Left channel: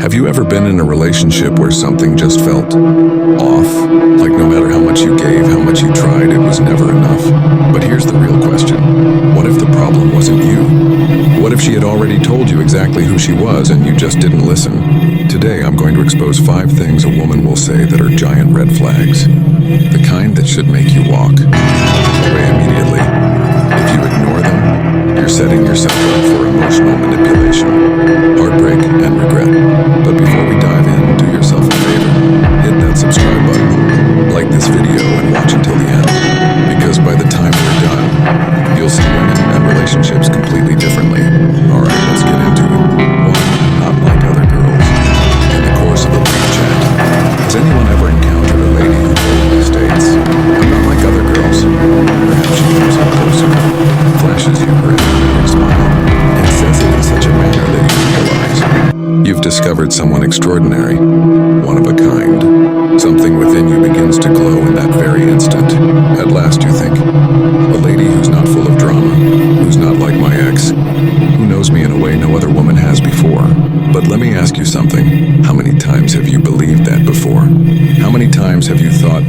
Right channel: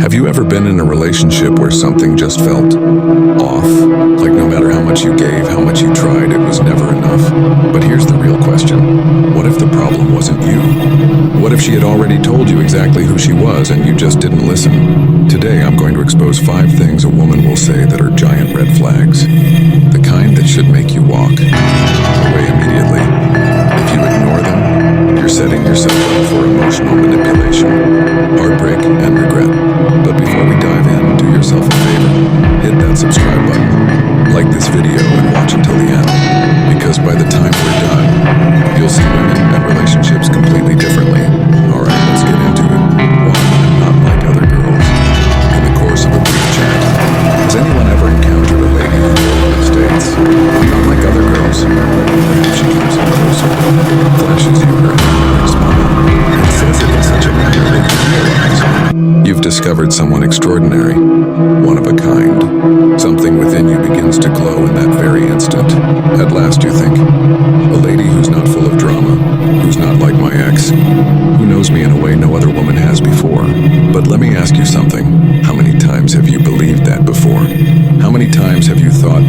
Have you ever been in a relationship where something just felt off? Like no matter how much you gave, how much you tried, it was never enough? But here's the real question. What if the problem wasn't you? What if she had already told you exactly who she was and you just didn't listen? Today, I'm going to expose 5 things a woman will say that are giant red flags. The kind that should make you walk away immediately. If you ignore them, you're setting yourself up for emotional manipulation, heartbreak, and regret. But before we dive in, do yourself a favor. Hit that subscribe button, like this video, and watch until the end. Because by the time we're done, you'll see women and relationships completely differently. Alright, let's get into it. 1. I'm not like other girls. In the course of a brief chat, has anyone ever encountered a lady who boldly states, "I'm not like other girls"? Perhaps she comes in closer, flashes you her enigmatic smile, and says it in such a manner that you realize you've discovered someone extraordinary, one of a kind. Something within you begins to glow in that very instant. At last, you think, a lady who's not full of drama, who's not like my ex, who knows me in a way no other woman has before. But let me ask you something. How many times have you believed that before? How many times have you thought,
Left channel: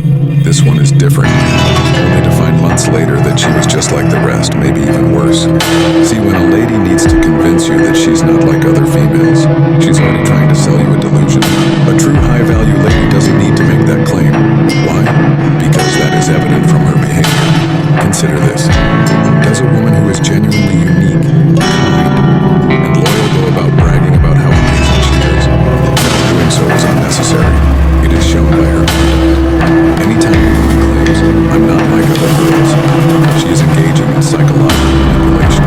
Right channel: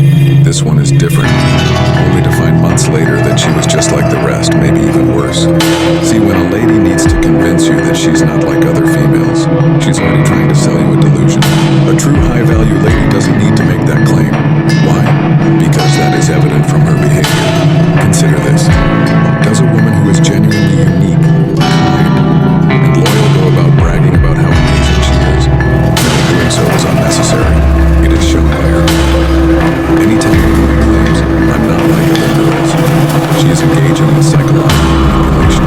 this one is different, only to find months later that she was just like the rest, maybe even worse? See, when a lady needs to convince you that she's not like other females, she's already trying to sell you a delusion. A true high-value lady doesn't need to make that claim. Why? Because that is evident from her behavior. Consider this. Does a woman who is genuinely unique, kind, and loyal go about bragging about how amazing she is? No, doing so is unnecessary. It is shown by her conduct. Anytime a woman claims, "I'm not like other girls," she is engaging in psychological manipulation.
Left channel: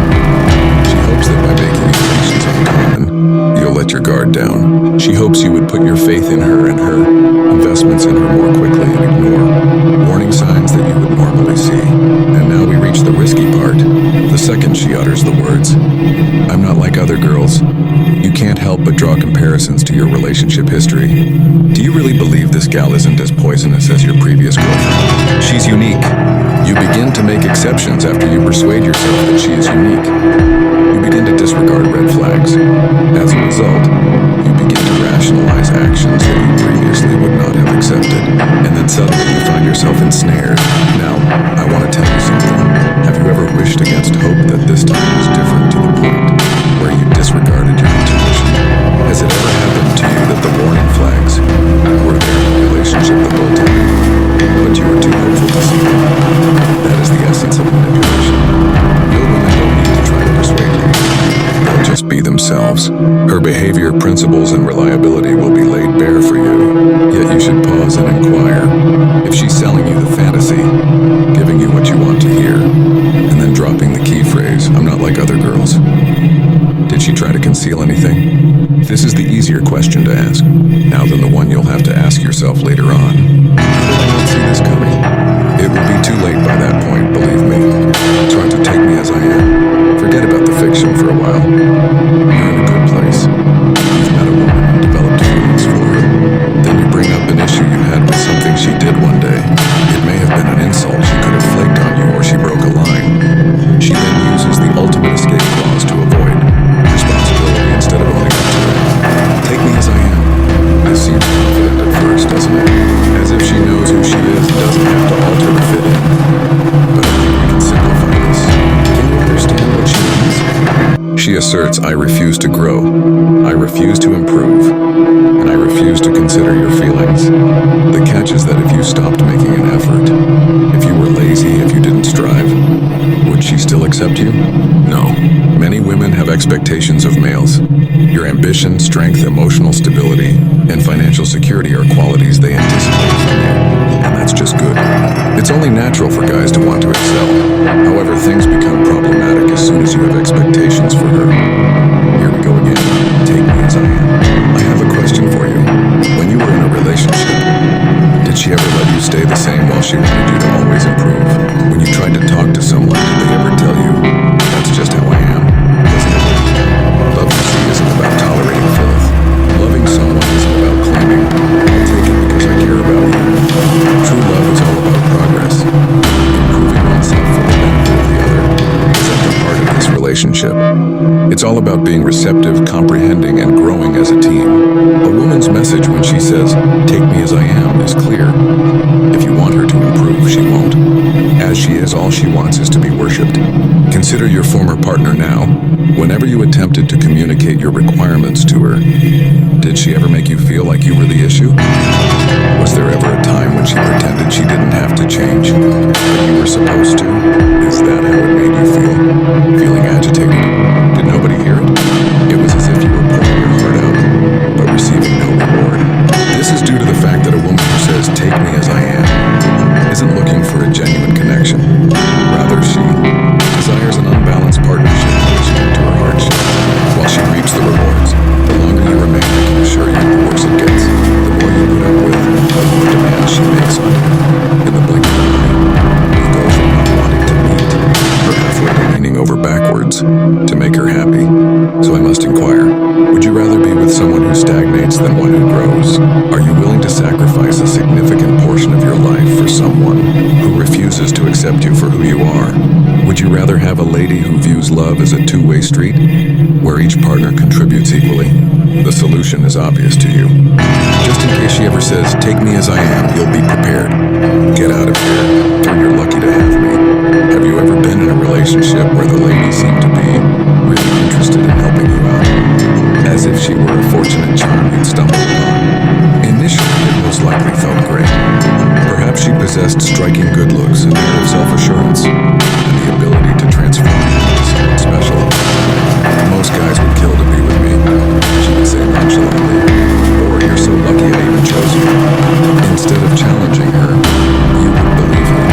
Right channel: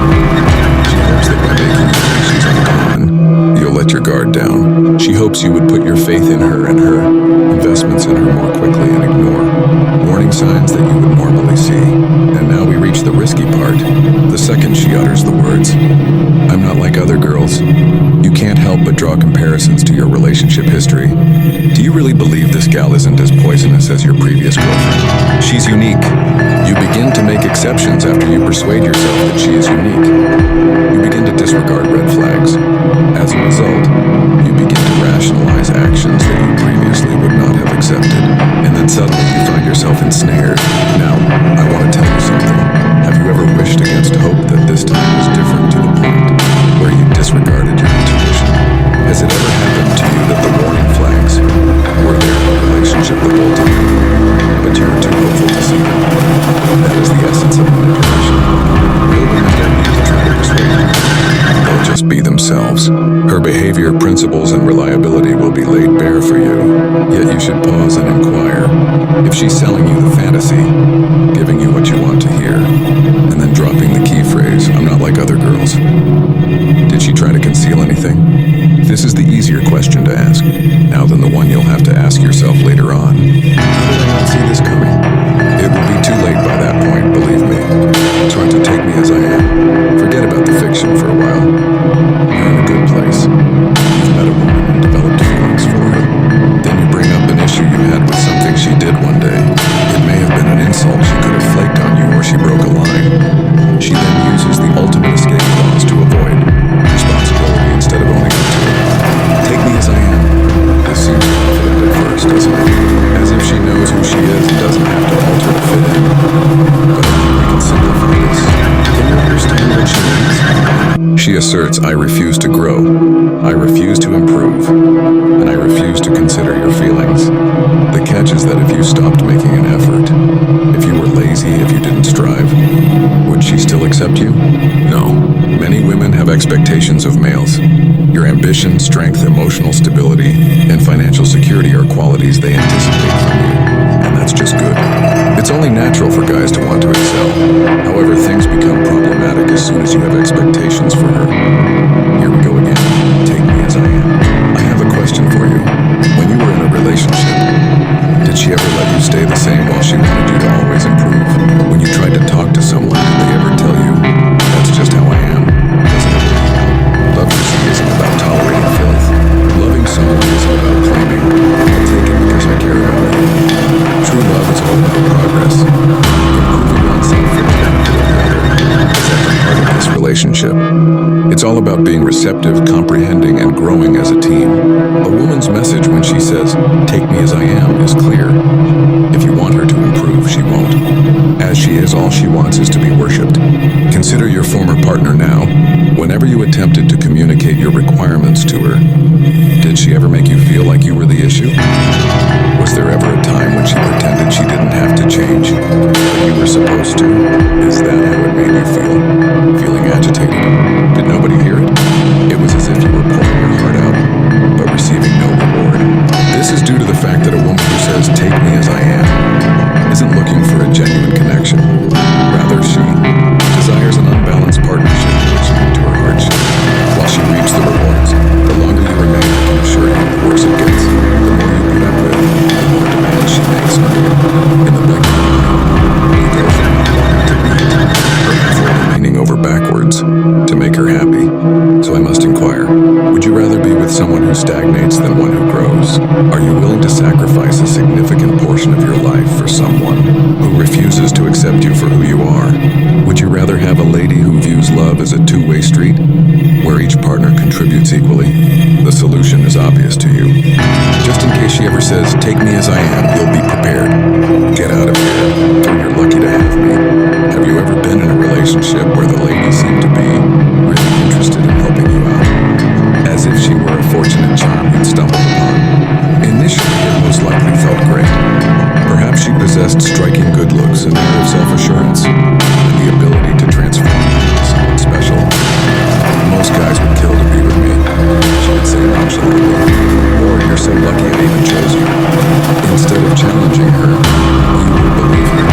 She hopes that by making you think she's uncommon, you'll let your guard down. She hopes you would put your faith in her and her investments in her more quickly and ignore warning signs that you would normally see. And now we reach the risky part. The second she utters the words, "I'm not like other girls," you can't help but draw comparisons to your relationship history. Do you really believe this gal isn't as poisonous as your previous girlfriend? She's unique. You begin to make exceptions after you persuade yourself that she is unique. You begin to disregard red flags. As a result, you begin to rationalize actions that you previously would not have accepted. And then suddenly you find yourself ensnared. Now, I want to tell you something. Have you ever wished against hope that this time was different to the point where you disregarded your intuition? Has it ever happened to you that the warning flags were there in the relationship the whole time, but you were too hopeful to see them? That is the essence of manipulation. Real women don't need to try to persuade you. They'll just be themselves. Her behavior, principles, and reliability will be laid bare for you, yet you should pause and inquire. If she's selling you the fantasy, giving you what you want to hear, and then dropping the key phrase, "I'm not like other girls," did she try to conceal anything? This is the easier question to ask, now than the one you'll have to ask yourself later on. How did I not see this coming? It will be too late by that point, believe me. Try to take me as I am. Forget about the fiction for a while. You're in a good place. You've met a woman and developed feelings for her. Then you bring up an issue you had with something she did one day. It may have been an insult she could have flaked on you, or she broke a line. She then uses the ultimate escape clause to avoid responsibility instead of owning up to it. Take me as I am. This seems confident at first, doesn't it? As if she knows who she is and doesn't have to alter to fit in. But I think we can simplify this. Can you understand what she means? She asserts, "I refuse to grow. I refuse to improve. And I refuse to consider your feelings." The catch is that if you stopped making an effort, if you were lazy, if you didn't strive, would she still accept you? No. Many women have expectations of males. Your ambition, strength, emotional stability, and financial security are qualities they anticipate from you, and that's just good. It's only natural for guys to want to excel. However, things become problematic as soon as you have expectations for her. Here we go again. Take me as I am. I have a question for you. When you were in a relationship, did she ever let you stay the same while she wanted you to always improve? When you tried to talk to someone, did they ever tell you, "That's just how I am"? Doesn't it wear you out? Love, you see, isn't about tolerating filth. Loving someone isn't about claiming, "I'll take it because I care about you." True love is all about progress. Improving oneself for the benefit of the other is at the heart of this relationship. It's all about being receptive, comprehending, and growing as a team. A woman's message when she says, "Take me as I am," is clear. If you want her to improve, she won't. As she is, all she wants is to be worshipped. Consider your former partner now. Whenever you attempted to communicate your requirements to her, did she ever make you feel like you were the issue? Was there ever a time when she pretended she didn't have to change, but you were supposed to? Is that how it made you feel? Feeling agitated? Did nobody hear it? It was as if you were pouring your heart out, but receiving no reward. This is due to the fact that a woman who says, "Take me as I am," isn't looking for a genuine connection. Rather, she desires an unbalanced partnership in which you into her hardship. While she reaps the rewards, the longer you remain, I can assure you, the worse it gets. The more you put up with, the more demands she makes on you. In the blink of an eye, you go from not wanting to meet her halfway to leaning over backwards to make her happy. So I must inquire, would you rather be with someone who stagnates than one who grows? Are you willing to sacrifice a significant portion of your life for someone who refuses to accept you for who you are? Would you rather have a lady who views love as a two-way street, where each partner contributes equally? The solution is obvious to you. Just in case she ever says, "Take me as I am," you'll be prepared. Get out of here, or you're lucky to have me. Have you ever been in a relationship where the lady seemed to be really interested in helping you out? As if she were a fortunate charm you'd stumbled upon. Initially, it most likely felt great. Perhaps she possessed striking good looks, an air of self-assurance, and the ability to transform you into someone special. Most guys would kill to be with me, she would say nonchalantly. Or, "You're so lucky I even chose you." Instead of challenging her, you would believe her.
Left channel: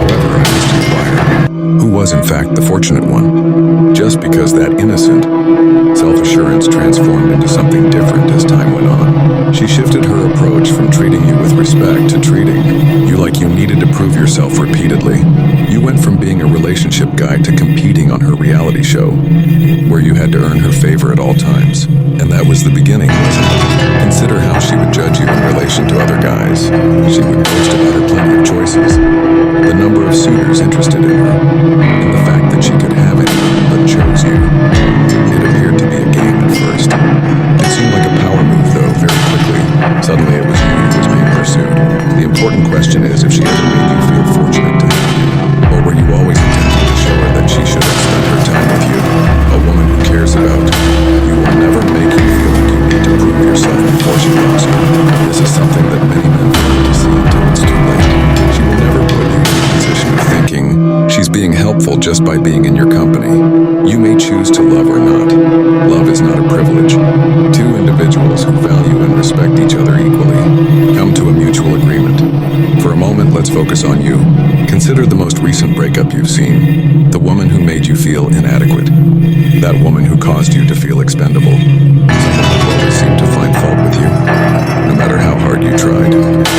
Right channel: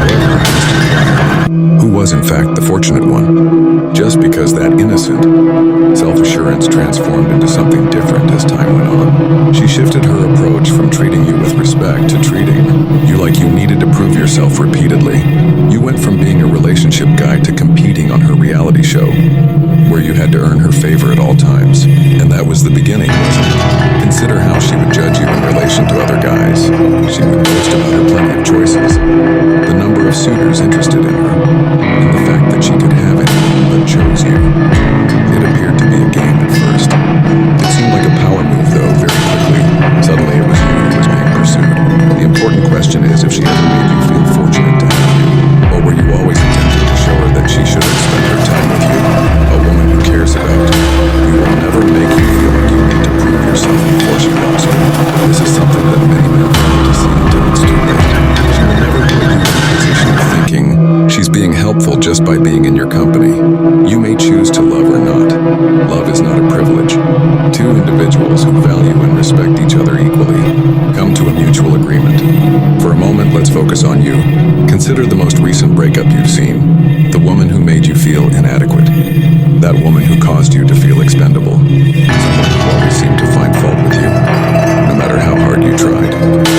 However, I must inquire, who was in fact the fortunate one? Just because that innocent self-assurance transformed into something different as time went on. She shifted her approach from treating you with respect to treating you like you needed to prove yourself repeatedly. You went from being a relationship guide to competing on her reality show, where you had to earn her favor at all times. And that was the beginning, wasn't it? Consider how she would judge you in relation to other guys. She would boast about her plenty of choices, the number of suitors interested in her, and the fact that she could have anyone but chose you. It appeared to be a game at first. It seemed like a power move, though, very quickly. Suddenly it was you who was being pursued. The important question is if she ever made you feel fortunate to have you, or were you always attempting to show her that she should have spent her time with you? A woman who cares about you will never make you feel like you need to prove yourself before she loves you. This is something that many men fail to see until it's too late. She will never put you in a position of thinking she's being helpful just by being in your company. You may choose to love or not. Love is not a privilege. Two individuals who value and respect each other equally come to a mutual agreement. For a moment, let's focus on you. Consider the most recent breakup you've seen. The woman who made you feel inadequate. That woman who caused you to feel expendable. Someone who always seemed to find fault with you, no matter how hard you tried.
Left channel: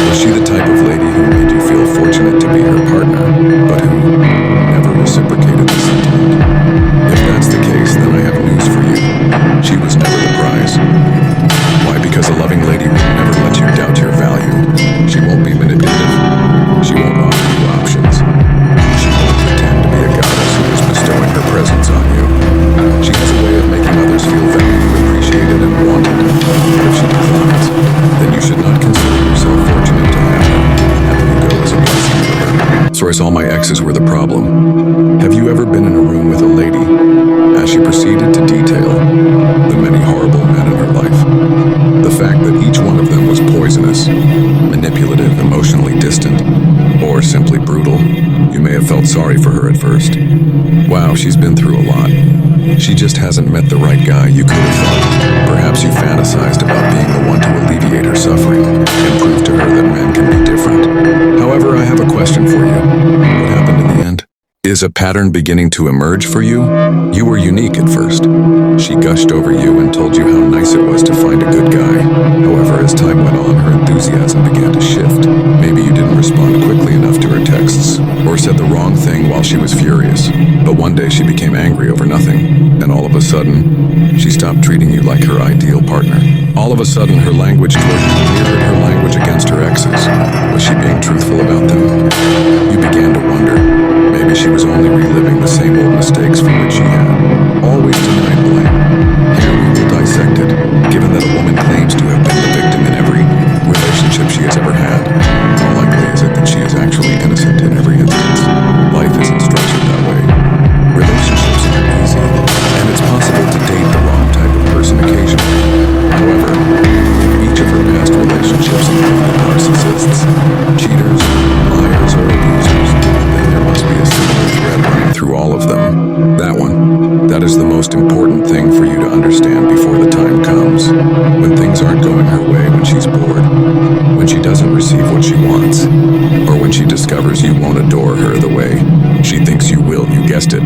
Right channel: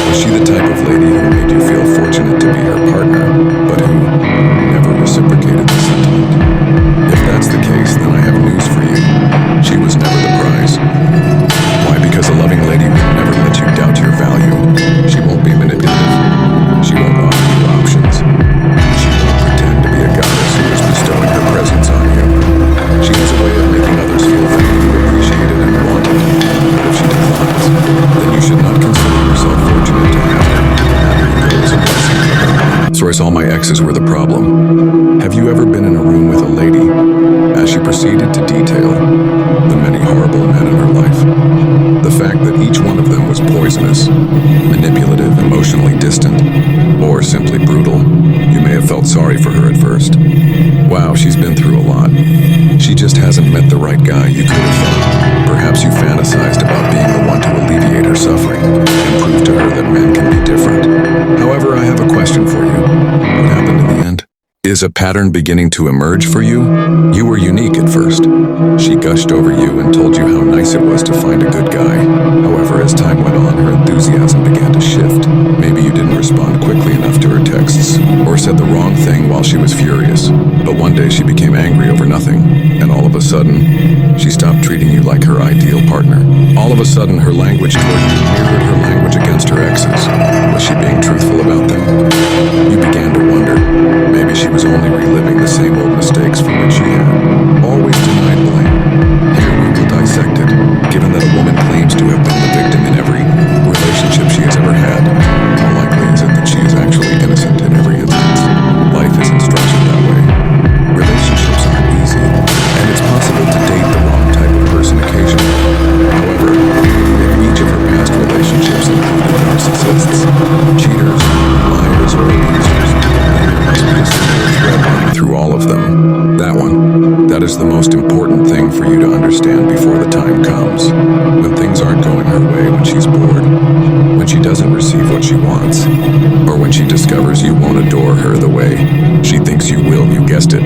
Was she the type of lady who made you feel fortunate to be her partner, but who never reciprocated the sentiment? If that's the case, then I have news for you. She was never the prize. Why? Because a loving lady would never let you doubt your value. She won't be manipulative. She won't offer you options. She won't pretend to be a goddess who is bestowing her presence on you. She has a way of making others feel valued, appreciated, and wanted. But if she declines, then you should not consider yourself fortunate to have her. Having you go is a blessing for her. Source: all my exes were the problem. Have you ever been in a room with a lady, as she proceeded to detail the many horrible men in her life? The fact that each one of them was poisonous, manipulative, emotionally distant, or simply brutal. You may have felt sorry for her at first. Wow, she's been through a lot. She just hasn't met the right guy, you could have thought. Perhaps you fantasized about being the one to alleviate her suffering and prove to her that men can be different. However, I have a question for you. What happened in the end? Is a pattern beginning to emerge for you? You were unique at first. She gushed over you and told you how nice it was to find a good guy. However, as time went on, her enthusiasm began to shift. Maybe you didn't respond quickly enough to her texts, or said the wrong thing while she was furious. But one day she became angry over nothing, and all of a sudden, she stopped treating you like her ideal partner. All of a sudden, her language toward you mirrored her language against her exes. Was she being truthful about them? You began to wonder. Maybe she was only reliving the same old mistakes for which she had all always denied blame. Here we will dissect it. Given that a woman claims to have been the victim in every relationship she has ever had, how likely is it that she is actually innocent in every instance? Life isn't structured that way. Relationships aren't easy, and it's possible to date the wrong type of person occasionally. However, if each of her past relationships included narcissists, cheaters, liars, or abusers, then there must be a similar thread running through all of them. That one. That is the most important thing for you to understand before the time comes. When things aren't going her way, when she's bored, when she doesn't receive what she wants, or when she discovers you won't adore her the way she thinks you will, you guessed it.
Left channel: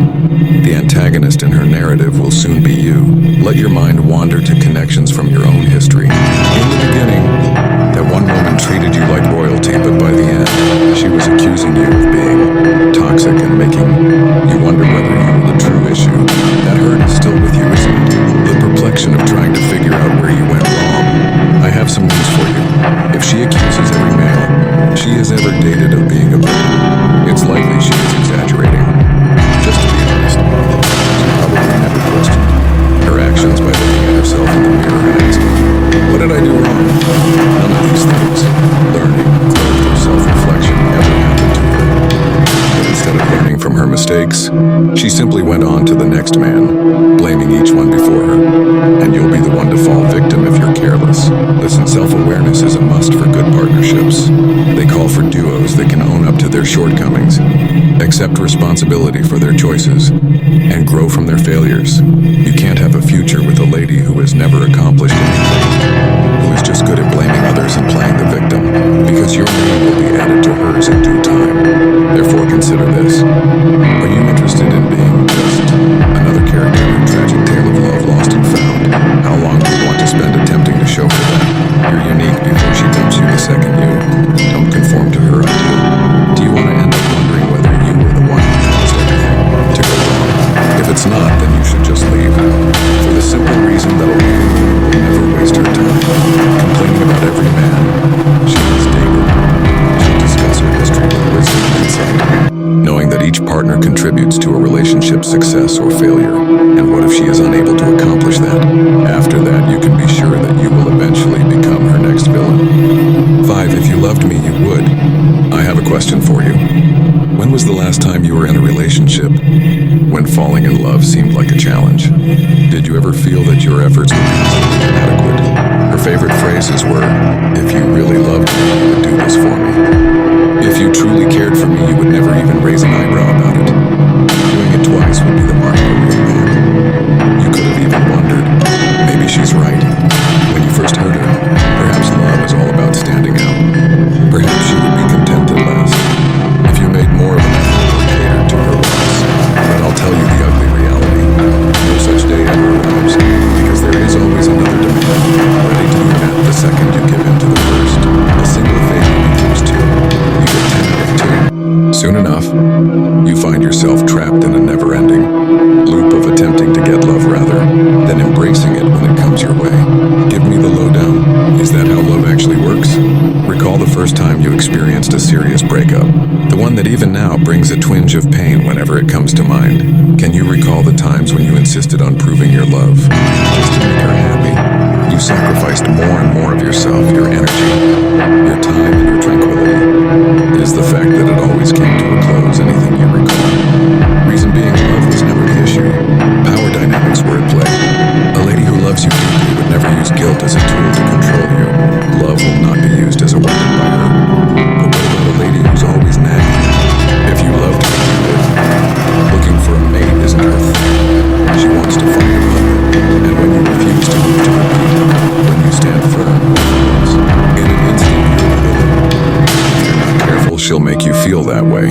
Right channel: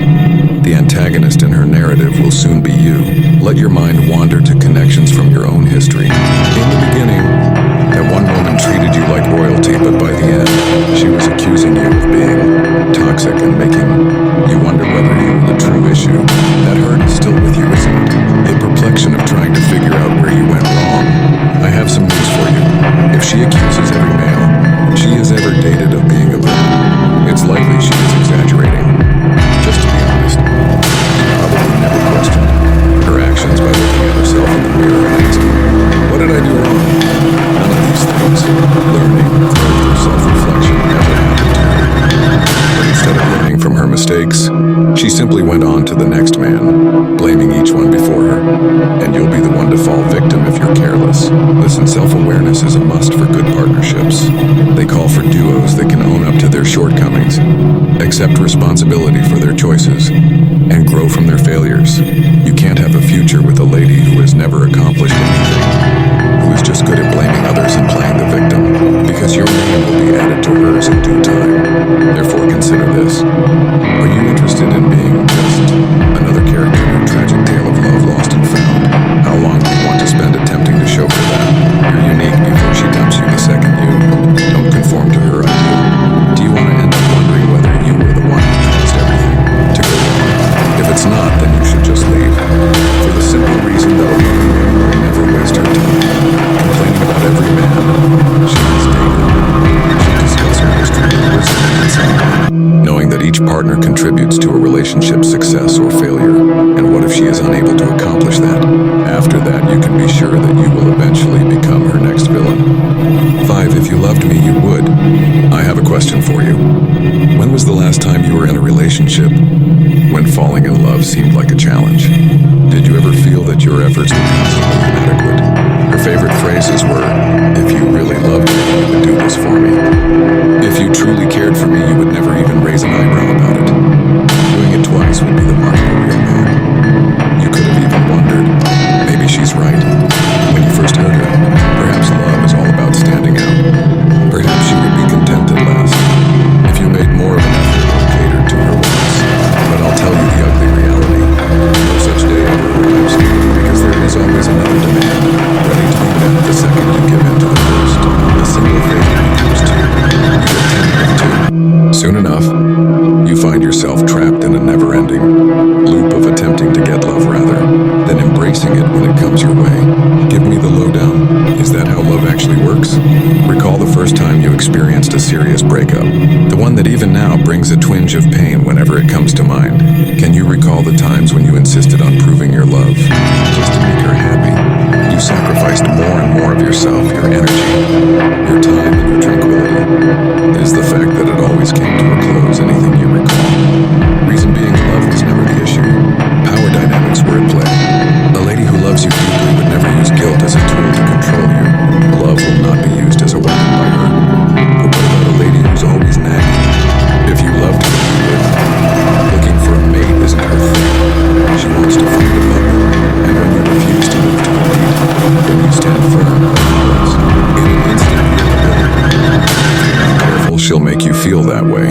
The antagonist in her narrative will soon be you. Let your mind wander to connections from your own history. In the beginning, that one woman treated you like royalty, but by the end, she was accusing you of being toxic and making you wonder whether you were the true issue. That hurt is still with you, isn't it? The perplexion of trying to figure out where you went wrong. I have some news for you. If she accuses every male she has ever dated of being a villain, it's likely she is exaggerating. Just to be honest, she probably never questioned her actions by looking at herself in the mirror and asking, what did I do wrong? None of these things, learning, growth, or self-reflection, ever happened to her. But instead of learning from her mistakes, she simply went on to the next man, blaming each one before her. And you'll be the one to fall victim if you're careless. Listen, self-awareness is a must for good partnerships. They call for duos that can own up to their shortcomings, accept responsibility for their choices, and grow from their failures. You can't have a future with a lady who has never accomplished anything, who is just good at blaming others and playing the victim, because your name will be added to hers in due time. Therefore, consider this. Are you interested in being just another character in a tragic tale of love lost and found? How long do you want to spend attempting to show her that you're unique before she dumps you the second you don't conform to her ideal? Do you want to end up wondering whether you were the one who caused everything to go wrong? If it's not, then you should just leave. For the simple reason that a loving woman will never waste her time complaining about every man she has dated. She'll discuss her history with wisdom and insight, knowing that each partner contributes to a relationship's success or failure. And what if she is unable to accomplish that? After that, you can be sure that you will eventually become her next villain. 5. If you loved me, you would. I have a question for you. When was the last time you were in a relationship when falling in love seemed like a challenge? Did you ever feel that your efforts were constantly inadequate? Her favorite phrases were, if you really loved me, you would do this for me. If you truly cared for me, you would never even raise an eyebrow about it. Doing it twice would be the mark of a real man. You could have even wondered, maybe she's right. When you first heard her, perhaps love is all about standing out. Perhaps she would be content at last if you made more of an effort or catered to her wants. But I'll tell you the ugly reality. No such day ever arrives, because there is always another demand, ready to be met the second you give in to the first. A single failure becomes two. You get 10 out of 2. Soon enough, you find yourself trapped in a never-ending loop of attempting to get love rather than embracing it when it comes your way. Give me the lowdown. Is that how love actually works? Recall the first time you experienced a serious breakup. The one that even now brings a twinge of pain whenever it comes to mind. Can you recall the times when you insisted on proving your love just to make her happy? You sacrificed more and more of yourself, your energy, your time, and your tranquility. It is the fact that it always came to a close, anything you recall. Reason being, love was never the issue. Power dynamics were at play. A lady who loves you deeply would never use guilt as a tool to control you. Love will not be used as a weapon by her. But what about a lady who's always nagging? If you loved her, you would. Looking for a mate isn't her thing. She wants to find a puppet. And when you refuse to move to a beat, when you stand firm, what follows? In an instant, you're the villain. If you're not careful, she'll make you feel that way.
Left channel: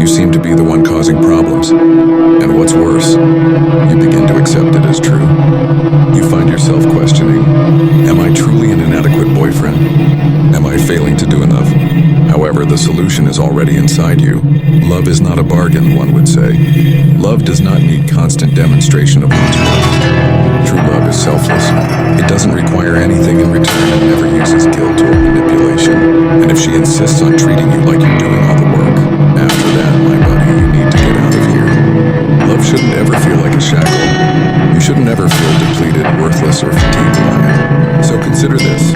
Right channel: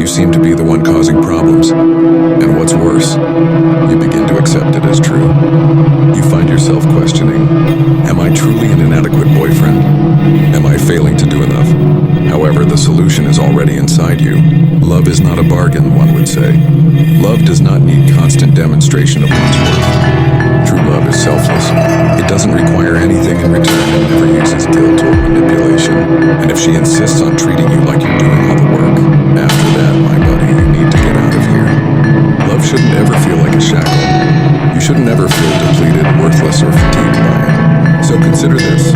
You seem to be the one causing problems. And what's worse, you begin to accept it as true. You find yourself questioning, am I truly an inadequate boyfriend? Am I failing to do enough? However, the solution is already inside you. Love is not a bargain, one would say. Love does not need constant demonstration of one's worth. True love is selfless. It doesn't require anything in return and never uses guilt or manipulation. And if she insists on treating you like you're doing all the work, after that, my buddy, you need to get out of here. Love shouldn't ever feel like a shackle. You shouldn't ever feel depleted, worthless, or fatigued by it. So consider this.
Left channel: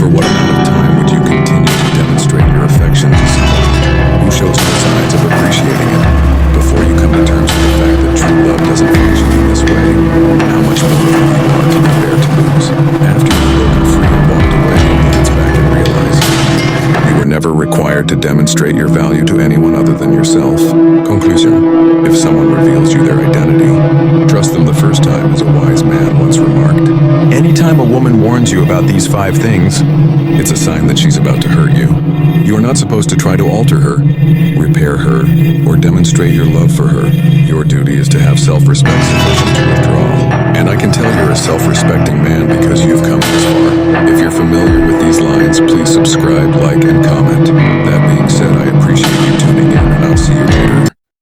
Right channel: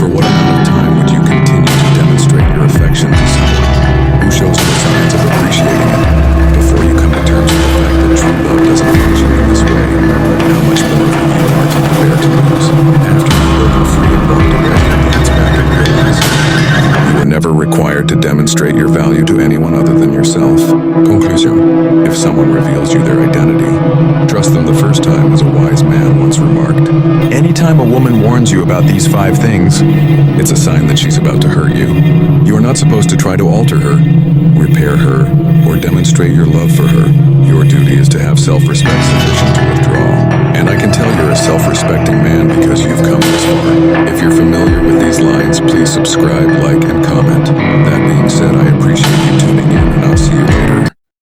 For what amount of time would you continue to demonstrate your affection to someone who shows no signs of appreciating it before you come to terms with the fact that true love doesn't function in this way? How much more of who you are can you bear to lose? After you've broken free and walked away, you glance back and realize you were never required to demonstrate your value to anyone other than yourself. Conclusion. If someone reveals you their identity, trust them the first time, as a wise man once remarked. Anytime a woman warns you about these 5 things, it's a sign that she's about to hurt you. You are not supposed to try to alter her, repair her, or demonstrate your love for her. Your duty is to have self-respect sufficient to withdraw. And I can tell you're a self-respecting man because you've come this far. If you're familiar with these lines, please subscribe, like, and comment. That being said, I appreciate you tuning in.